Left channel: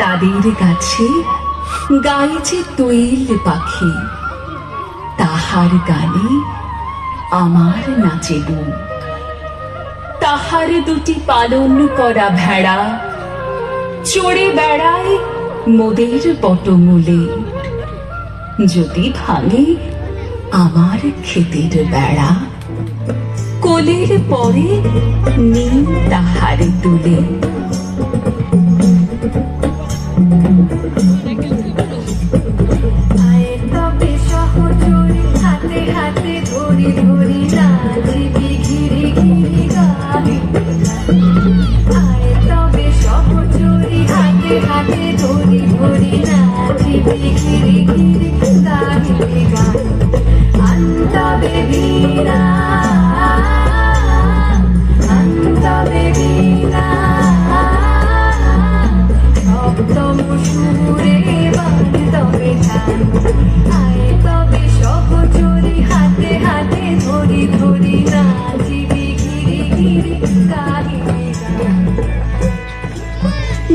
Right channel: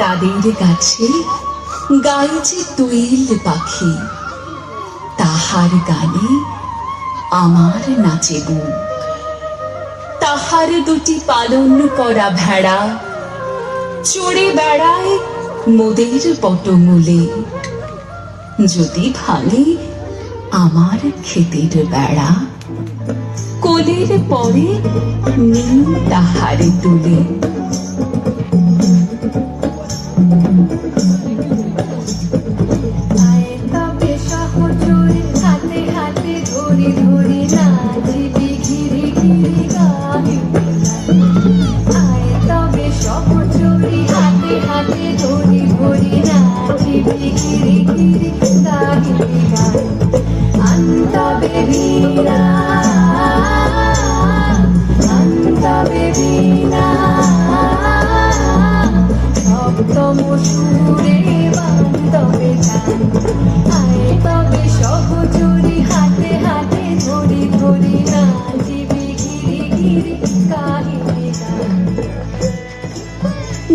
তাদের কাছে গায়ে যে দোয়েল পাখি, তাহার গানে আমার নাচে বুক। তাহার দুটি পালন করা ভেড়া চড়ে বেড়ায় মোদের পটমূলে। যদি ভাঙে আমার ক্ষেতের বেড়া, কোলের পরে নীল তাহারে তুলে।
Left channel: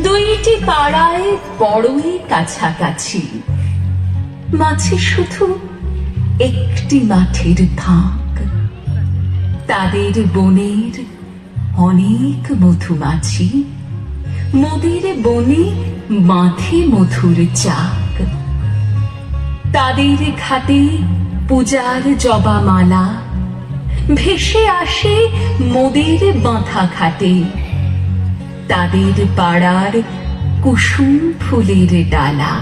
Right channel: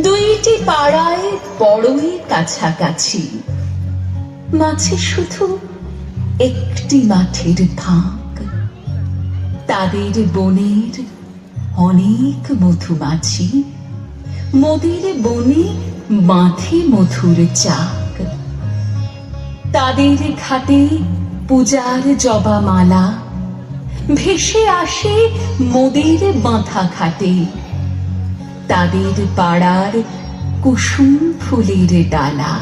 দুইটি পাড়ায় বড়ই কাছাকাছি, মাঝে শুধু একটি মাঠের ফাঁক। তাদের বনের অনেক মধুমাছি, মোদের বনে বাঁধে মধুর চাক। তাদের ঘাটে পূজার জবা মালা ভেসে আসে মোদের বাঁধা ঘাটে। তাদের পাড়ার কুসুম ফুলের ডালা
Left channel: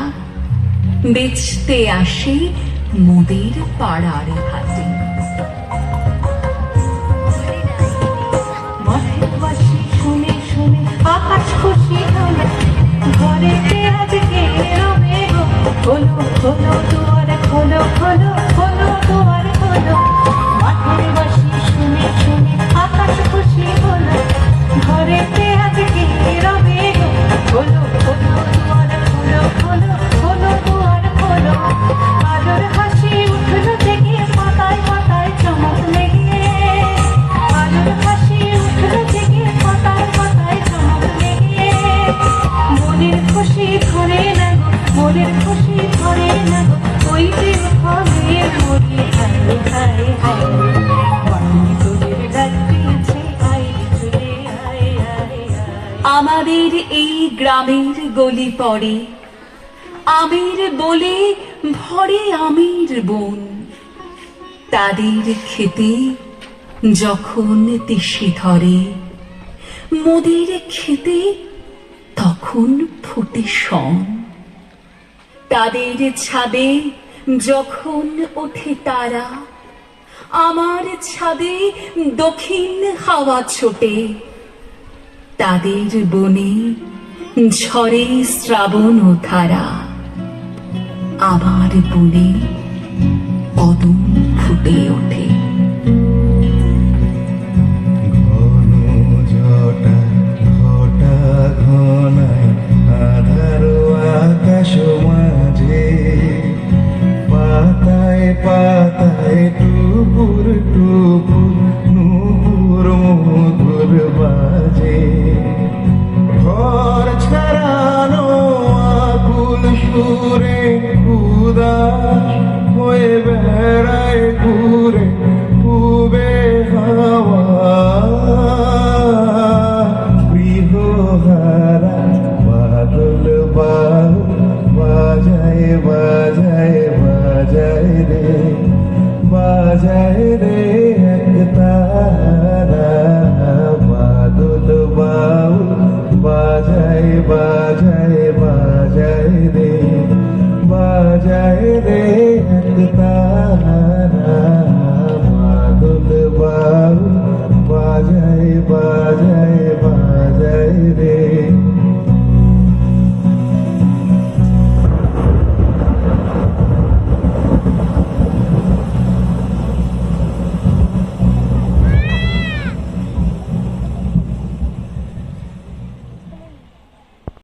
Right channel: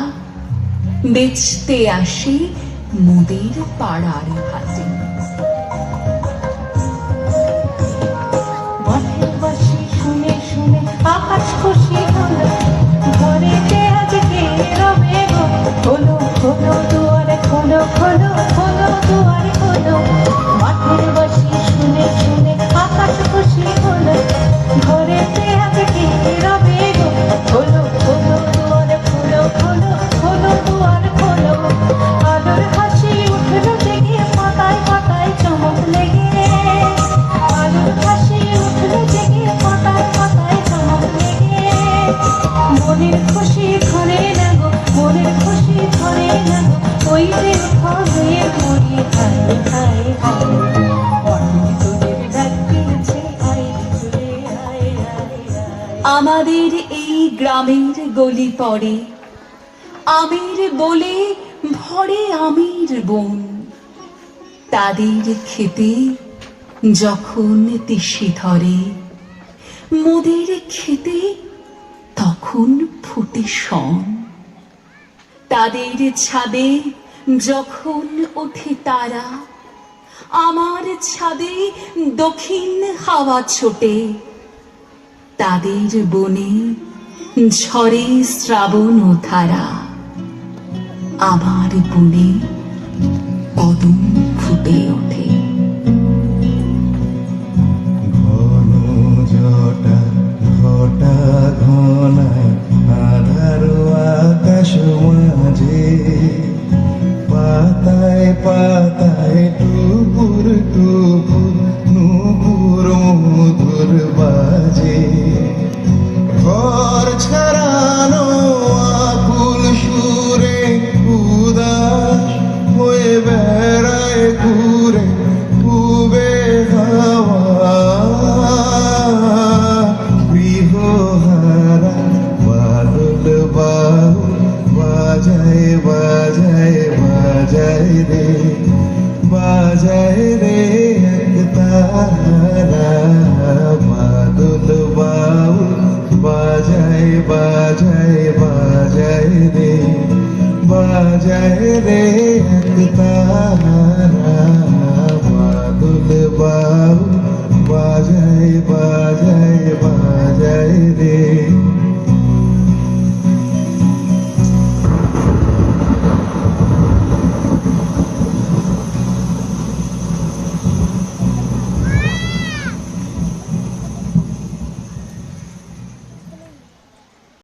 বেচতে আসে মোদের পাড়ার হাটে। শুনে শুনে আকাশ খুশি হলো, ঘরেতে আজকে রবে গো। খোলো খোলো দুয়ারে, খোলো খোলো খোলো দুয়ারে খোলো। মাঠের বাসি শুনে শুনে আকাশ খুশি হলো, ঘরেতে আজকে রবে গো। খোলো খোলো দুয়ারে, খোলো খোলো খোলো দুয়ারে খোলো। আলোর হাসি উঠলো জেগে, পাতায় পাতায় চমক লেগে। আলোর হাসি উঠলো জেগে, পাতায় পাতায় চমক লেগে। মনের খুশি ধরে না গো, মনের খুশি ধরে না গো। ওই দিন হবে মরি হায় হায় হায়। তোদের ডাক দিয়েছে আয় চলে আয় আয় আয়। আমাদের এই গ্রামের গলি পড়ে আমের বলে ভরে আমের বন। তাদের খেতে যখন তিসি ধরে, মোদের খেতে তখন ফুটে শন। তাদের ছাদে যখন ওঠে তারা, আমার ছাদে দক্ষিণ হাওয়া ছোটে। তাদের বনে ঝরে শ্রাবণ ও ধারা, আমার বনে কদম ফুটে ওঠে। ঘন জটা ঘটা ঘনায় আধার আকাশ মাঝে। পাতায় পাতায় টুকুর টুকুর নুপুর মধুর বাজে। ঘর ছাড়ানো আকুল সুরে উদাস হয়ে বেড়ায় ঘুরে খুবে হাওয়া। গৃহহারা বাদল বাহু বাজায় বাজায় বাজায় রে, বাজায় রে।